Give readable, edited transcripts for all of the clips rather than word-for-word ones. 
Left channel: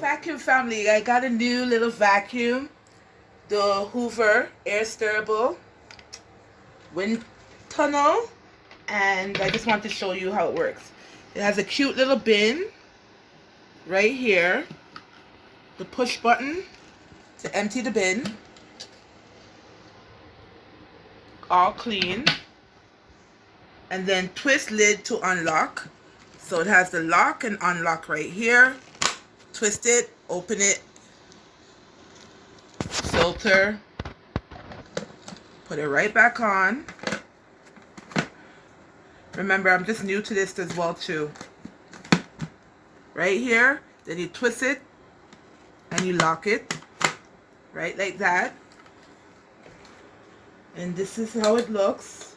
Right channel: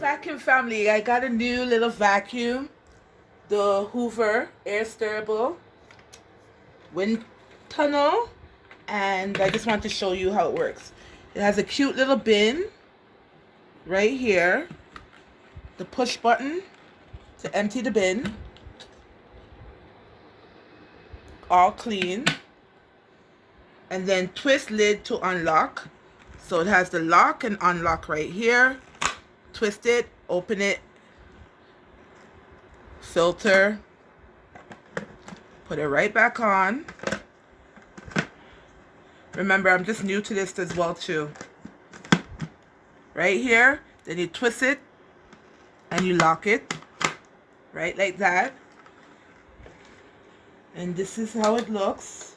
Vacuum family, I got a new little vacuum, the Hoover air steerable wind tunnel, and I just want to show you how it works. It has a cute little bin right here, the push button to empty the bin, all clean, and then twist lid to unlock. So it has the lock and unlock right here. Twist it, open it, filter, put it right back on. Remember, I'm just new to this as well too. Right here, then you twist it and you lock it right like that, and this is how it looks.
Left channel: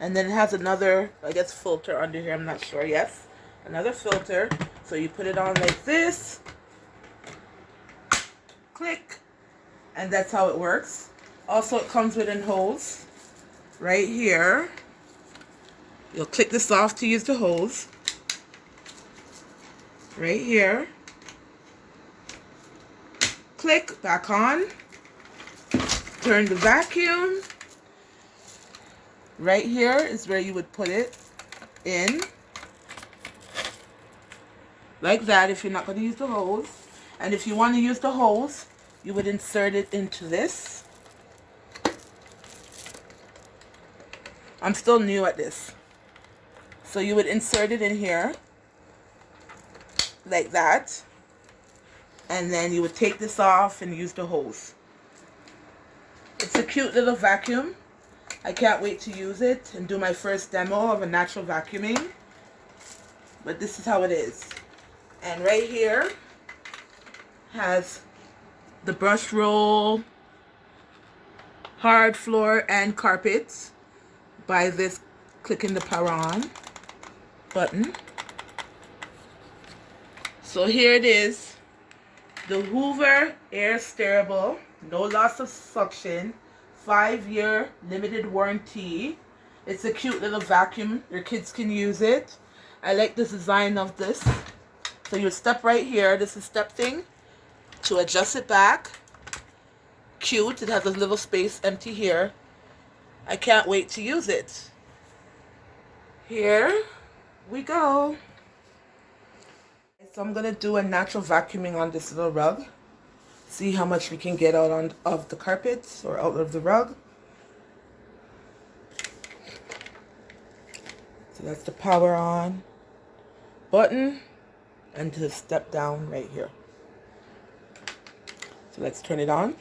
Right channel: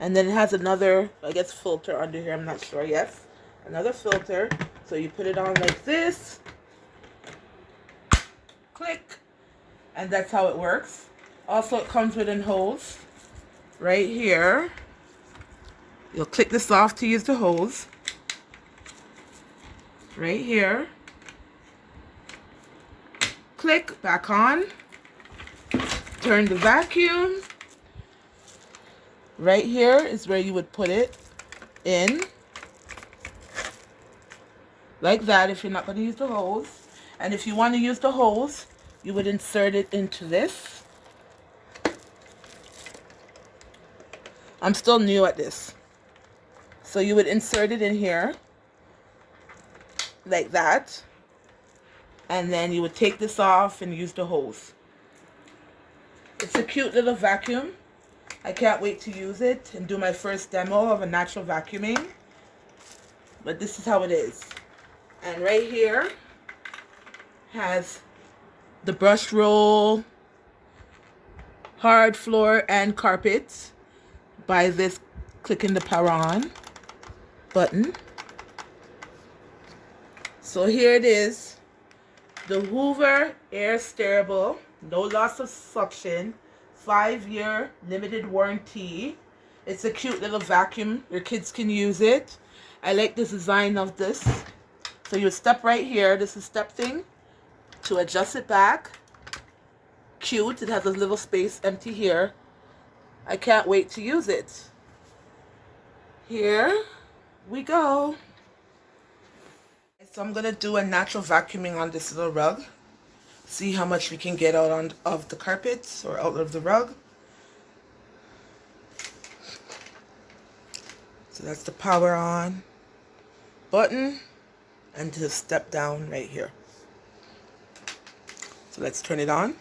And then it has another, I guess, filter under here, I'm not sure. Yes, another filter. So you put it on like this, click, and that's how it works. Also, it comes with a hose right here. You'll click this off to use the hose right here. Click back on, turn the vacuum. Right here is where you would put it in, like that, if you're not going to use the hose. And if you want to use the hose, you would insert it into this. I'm still new at this. So you would insert it in here, like that. And then you would take this off and use the hose. It's a cute little vacuum. I can't wait to use it and do my first demo of a natural vacuuming. But this is how it is. And right here has the brush roll, hard floor, and carpets by this clicking the power on button. So here it is, the Hoover air steerable, no loss of suction, 5-year limited warranty. It's a cute little vacuum. Your kids can use it. I like the design of this. So you step right here. This is step thing to adjust it back. Cute. It has a little space empty here. I can't wait to use it. Here we go. So I'm going to do a natural vacuuming on this little rug. See how much we can get out of the carpets or out of the rug. So that's the power on button and to step down right here. So let's turn it on.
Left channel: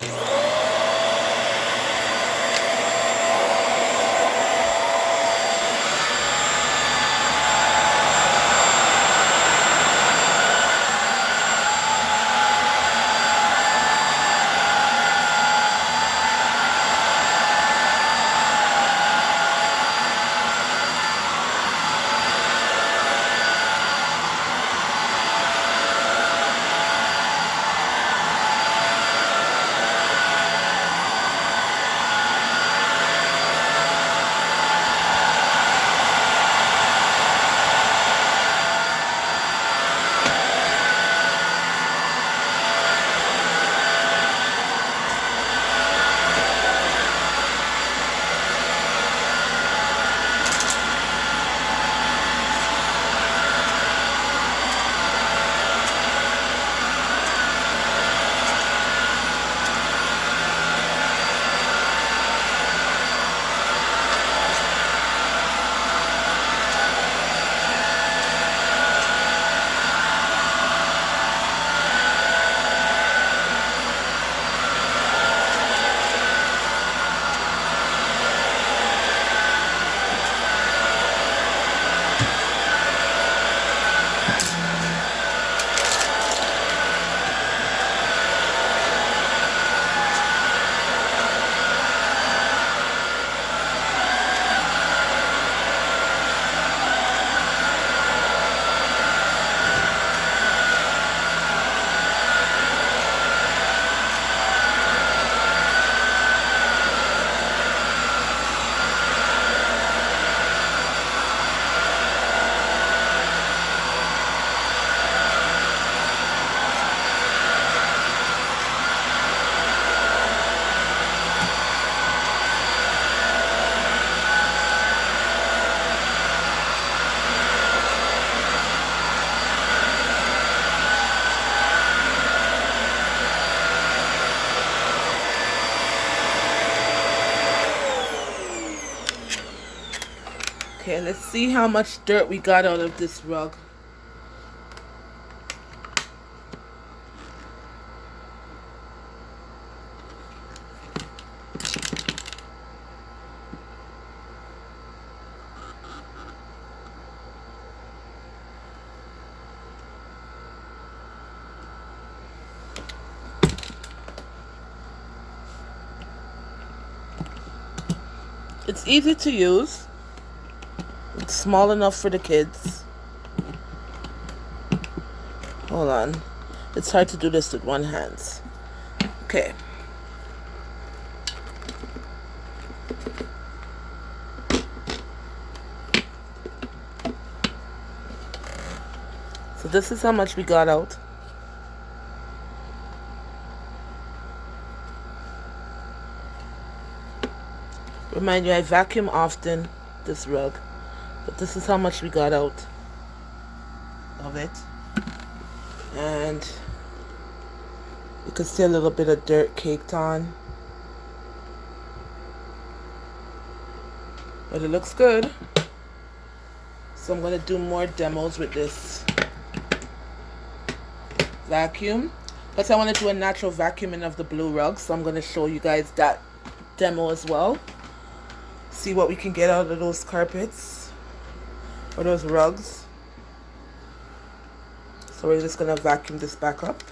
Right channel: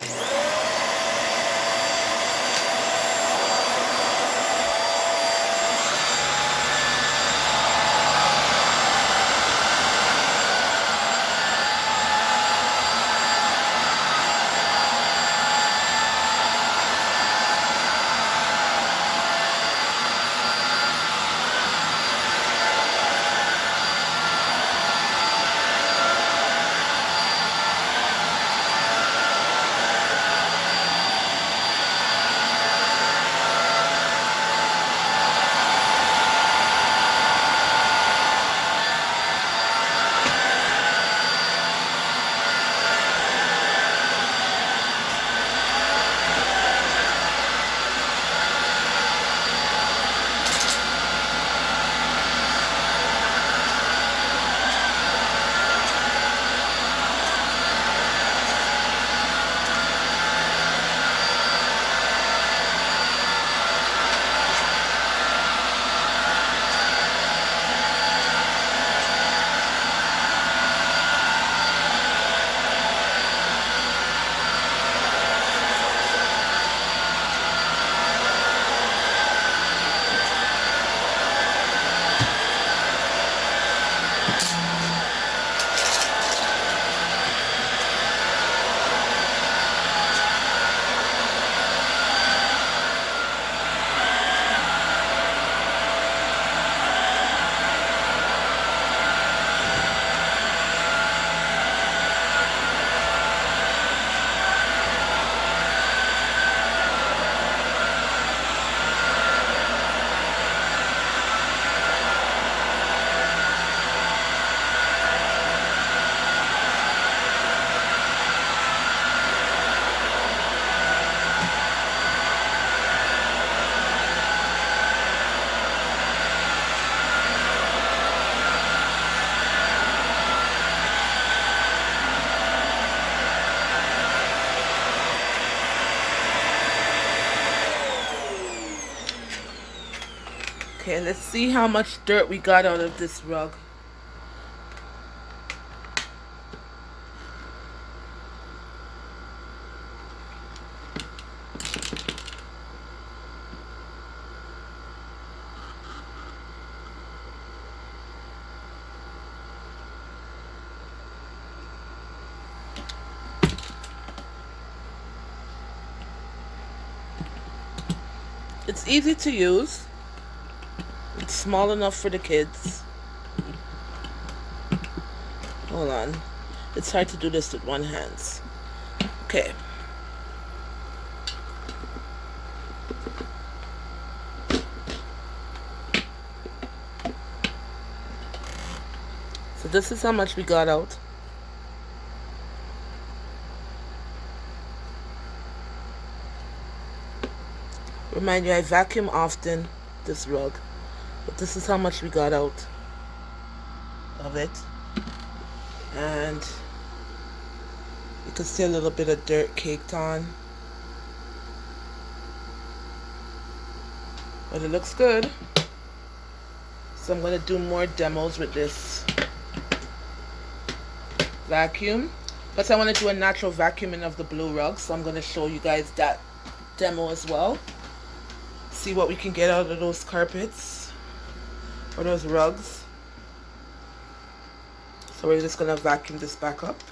Okay, let's see how much dirt we got out of this rug. It's easy to use. It's small enough for the kids. Hold on. It's hard to do this with one hand. Okay. So this is how much we got out. Remind you, I vacuum often this rug, but this is how much we got out of it. And you can see a little bit of dirt caked on, but it looks good. So I'm going to do more demos with this vacuum, but I want to do a natural vacuuming of the blue rug, so I'm going to show you guys that demo as well. See what we can get out of those carpets or those rugs. So we're just going to vacuum this back up.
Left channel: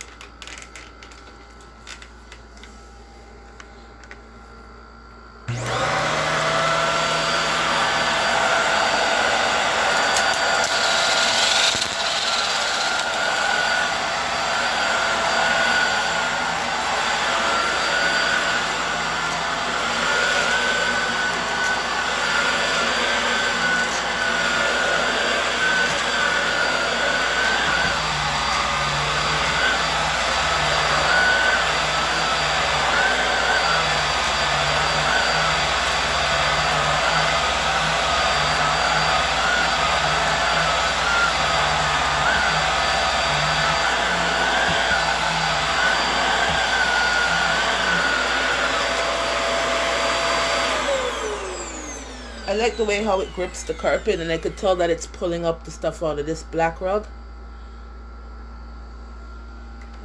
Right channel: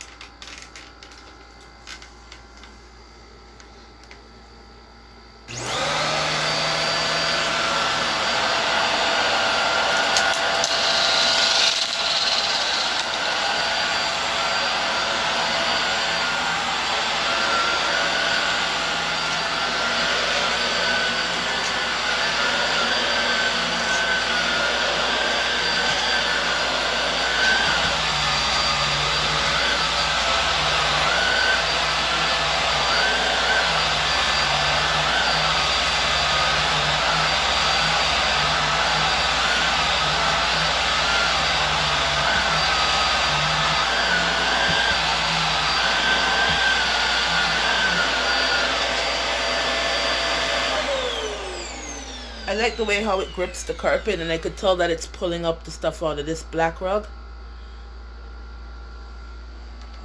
I like the way how it grips the carpet, and I could tell that it's pulling up the stuff out of this black rug.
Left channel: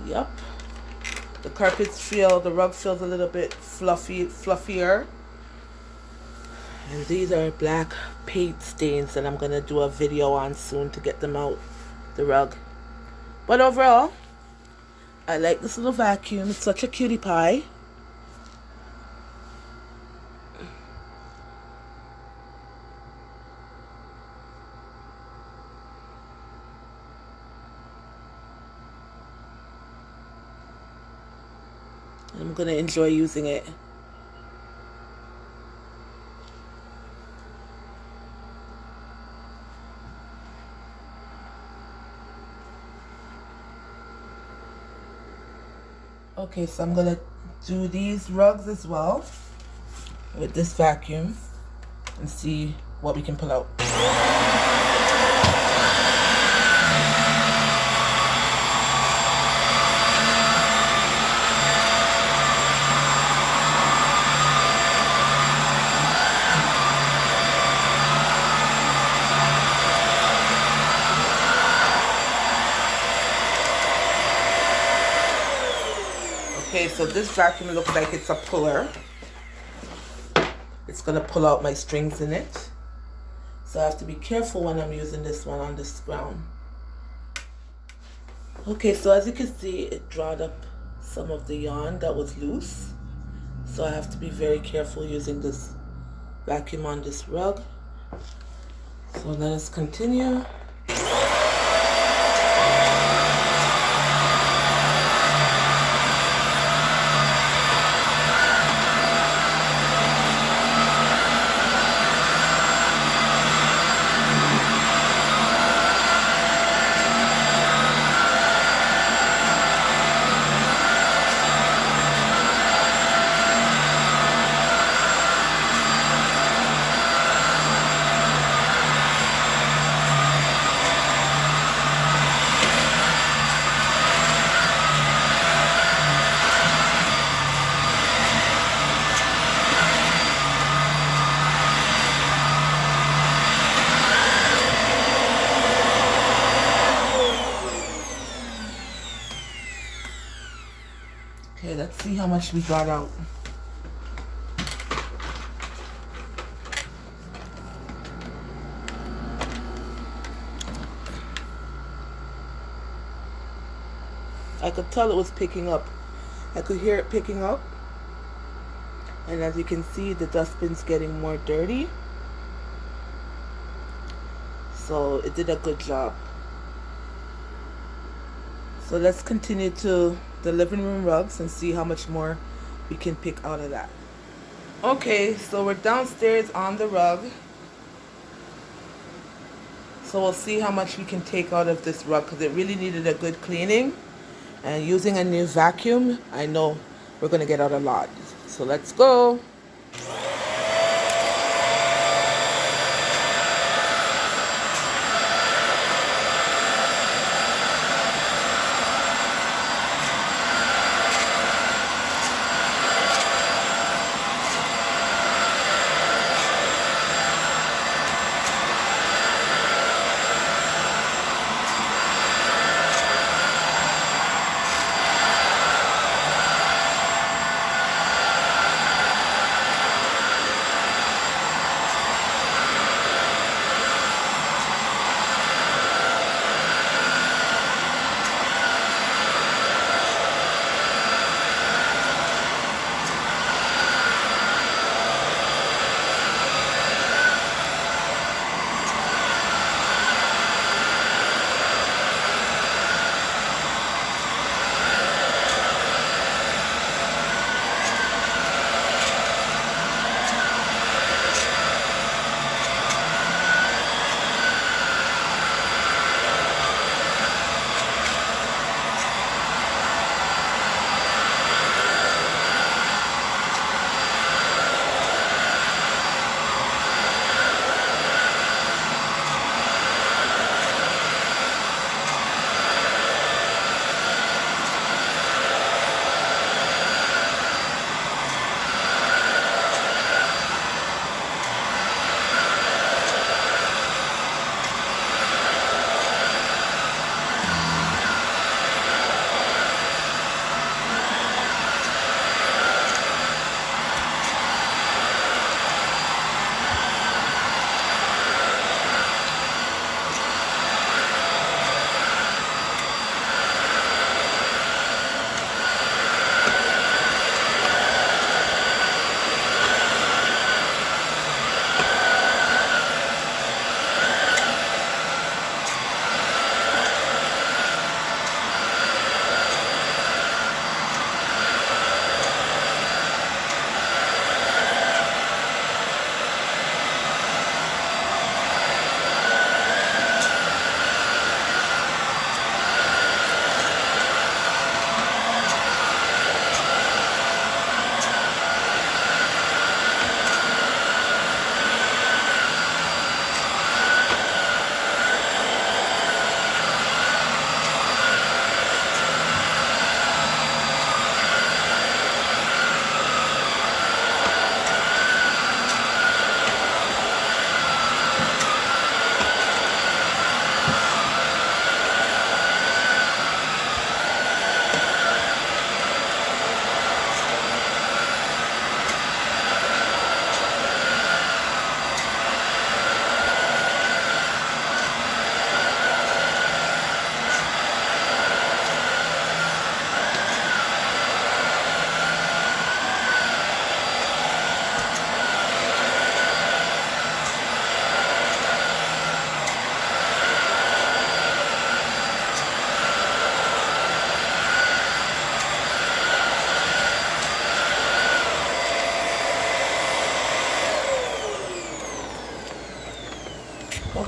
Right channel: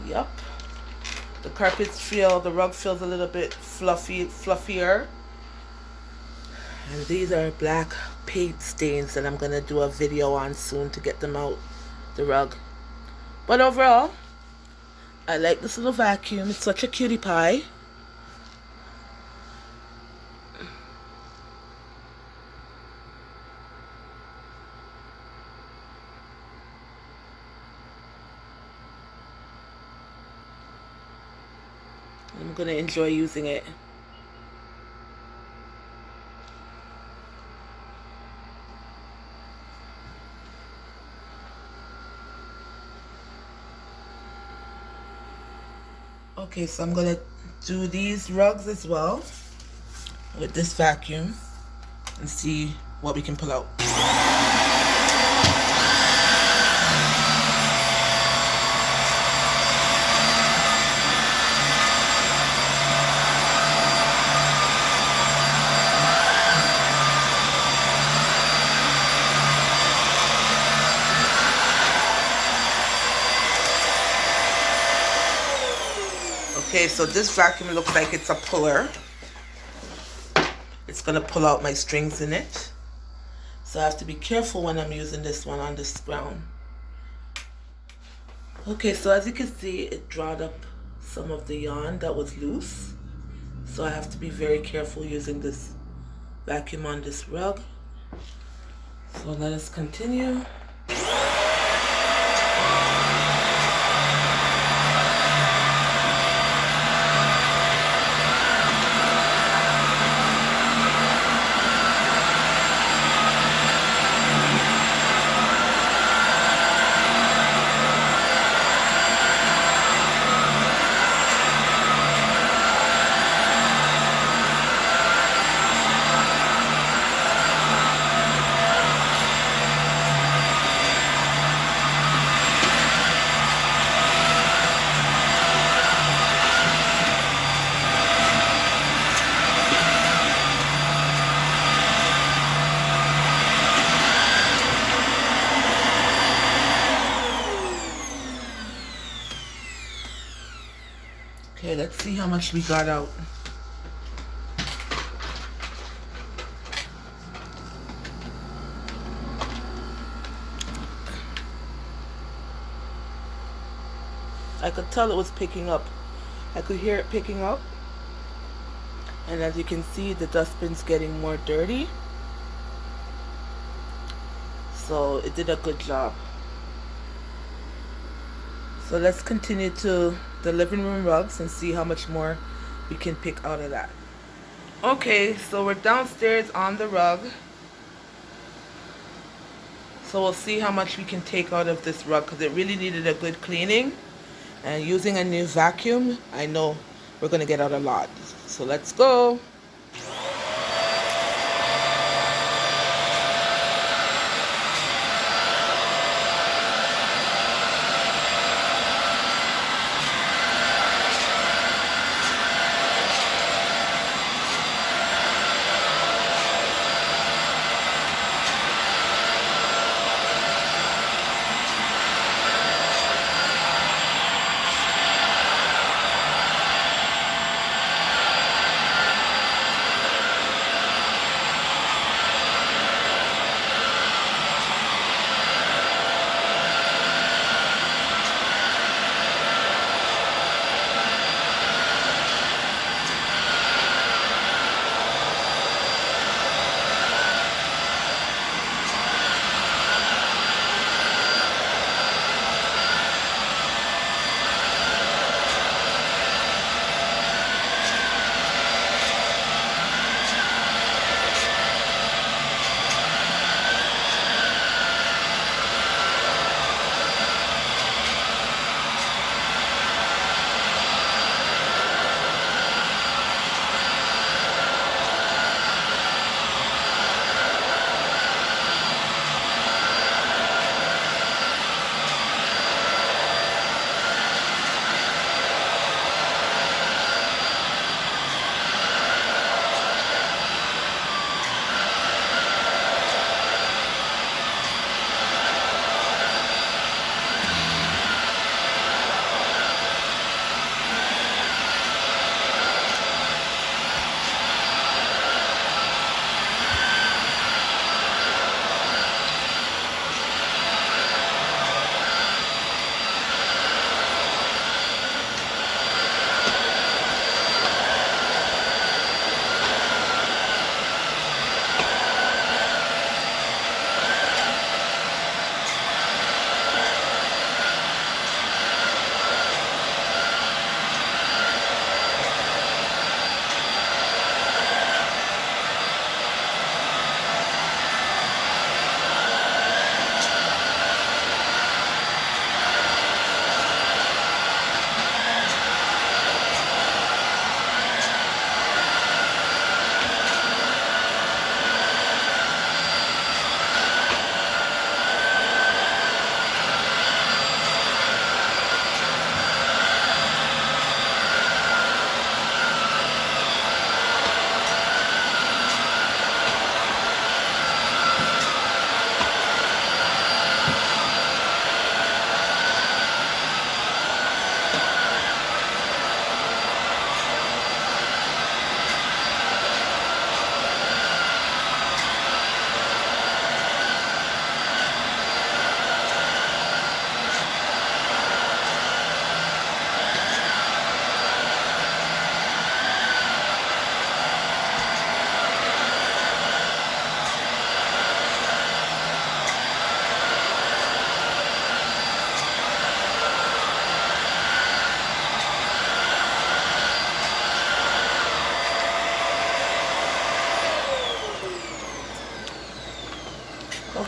Yup. The rug feels a little bit fluffier. And these are black paint stains that I'm going to do a video on soon to get them out the rug. But overall, I like this little vacuum. It's such a cutie pie. I'm going to enjoy using it. Okay, so I'm going to do these rugs as well with this vacuum and see what we can pull out. Okay, so this vacuum looks like it's a puller. It's gonna pull out my strings in it. So I have to be careful when I'm using this one on this ground. Okay, so as you can see, it dried up some of the yarn that was loose. So I have to be very careful using this vacuum on this rug. So let us continue. Okay, let's see how much we got out. I could tell it was picking up. I could hear it picking up. And as you can see, the dustbin's getting more dirty. So it did a good job. So let's continue to the living room rugs and see how much more we can pick out of that. Okay, so we're downstairs on the rug. So we'll see how much we can take out of this rug because it really needed a good cleaning. And using a new vacuum, I know we're going to get out a lot. So let's go.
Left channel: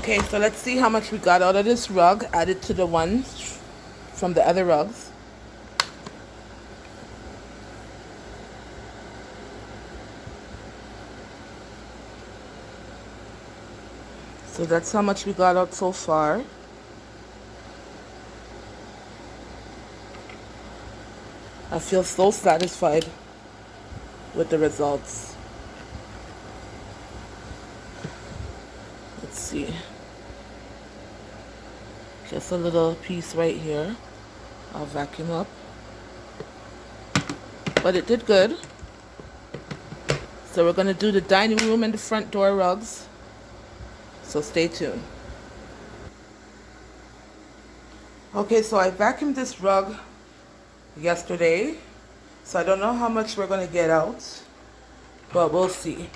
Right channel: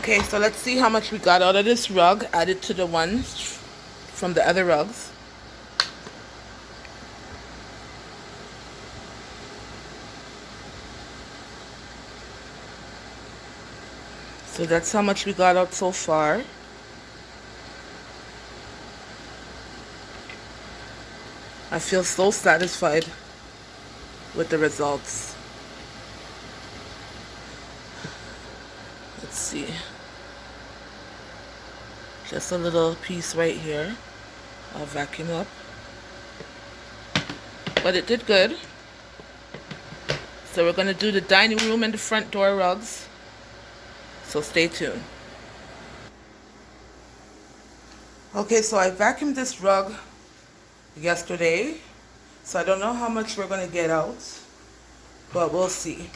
Okay, so let's see how much we got out of this rug added to the ones from the other rugs. So that's how much we got out so far. I feel so satisfied with the results. Let's see. Just a little piece right here. I'll vacuum up. but it did good. So we're going to do the dining room and the front door rugs. So stay tuned. Okay, so I vacuumed this rug yesterday. So I don't know how much we're going to get out, but we'll see.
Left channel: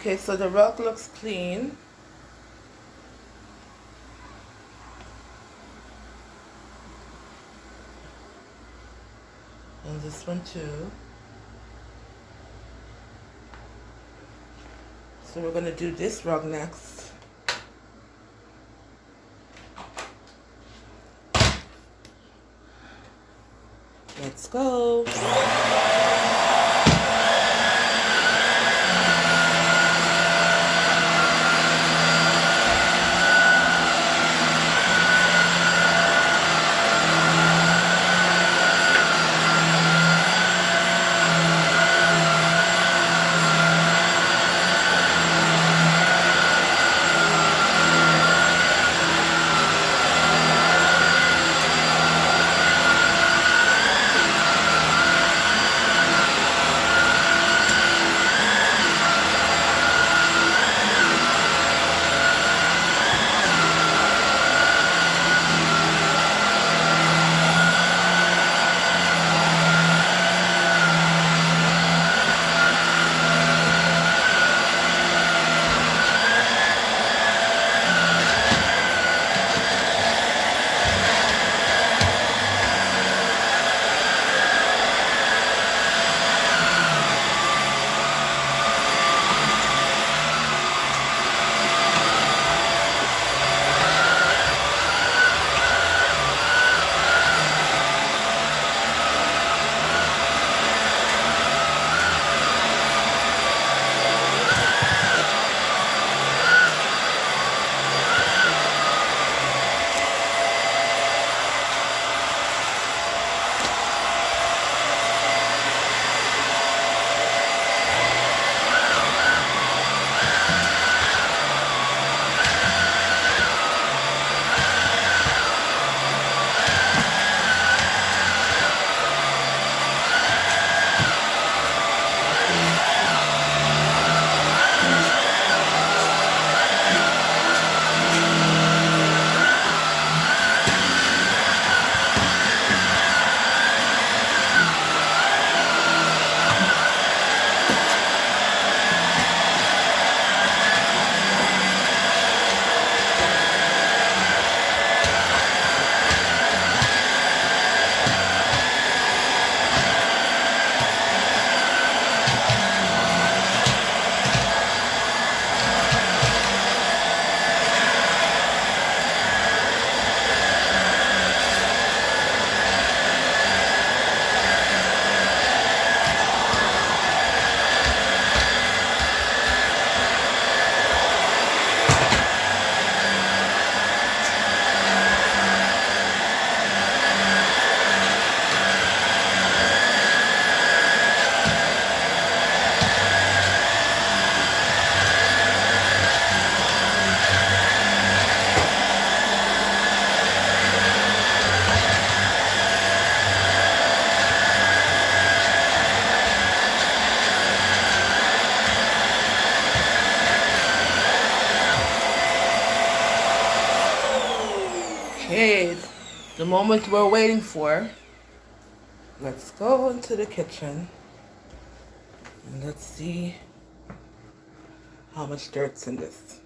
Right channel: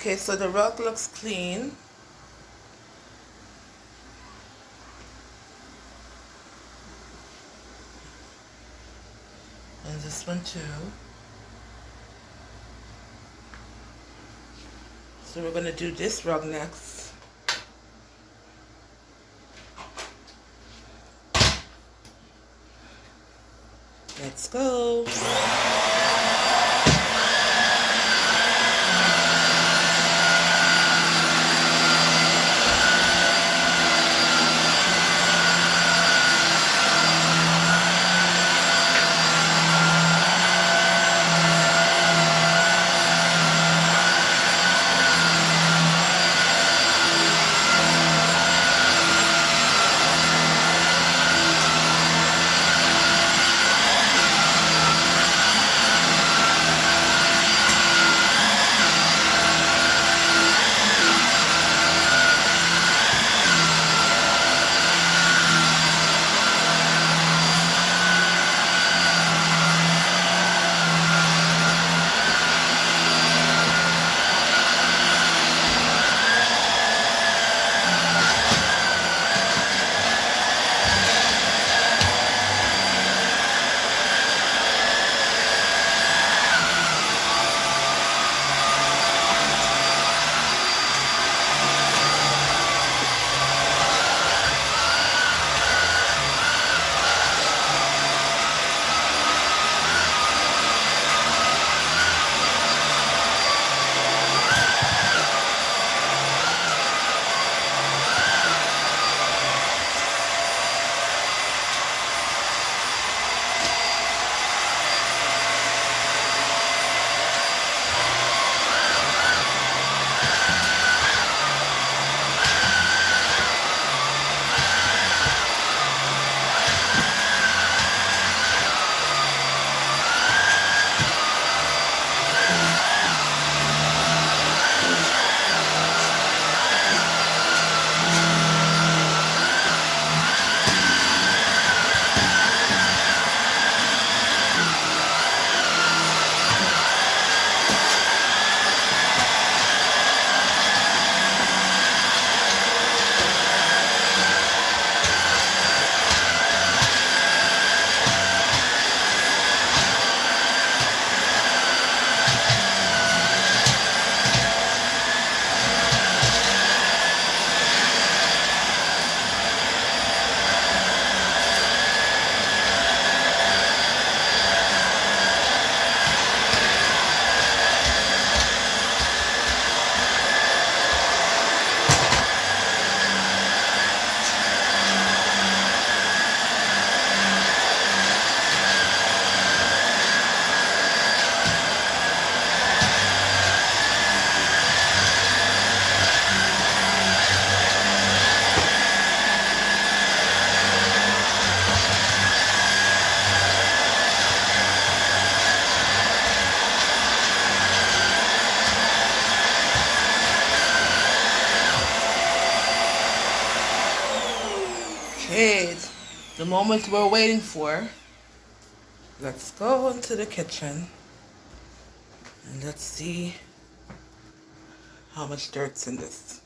Okay, so the rug looks clean. And this one too. So we're going to do this rug next. Let's go. moment we're waiting for, let's go into the kitchen and let's see how much dirt's in this.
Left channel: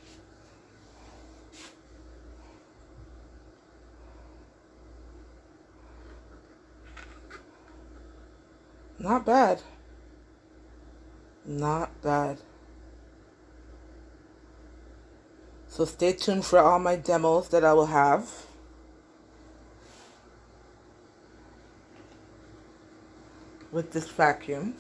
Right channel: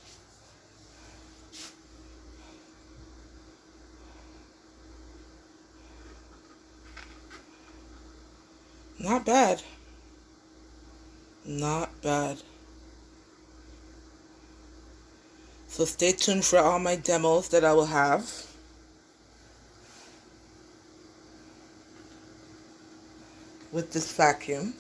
Not bad. Not bad. So stay tuned for all my demos that I will have. With this vacuum.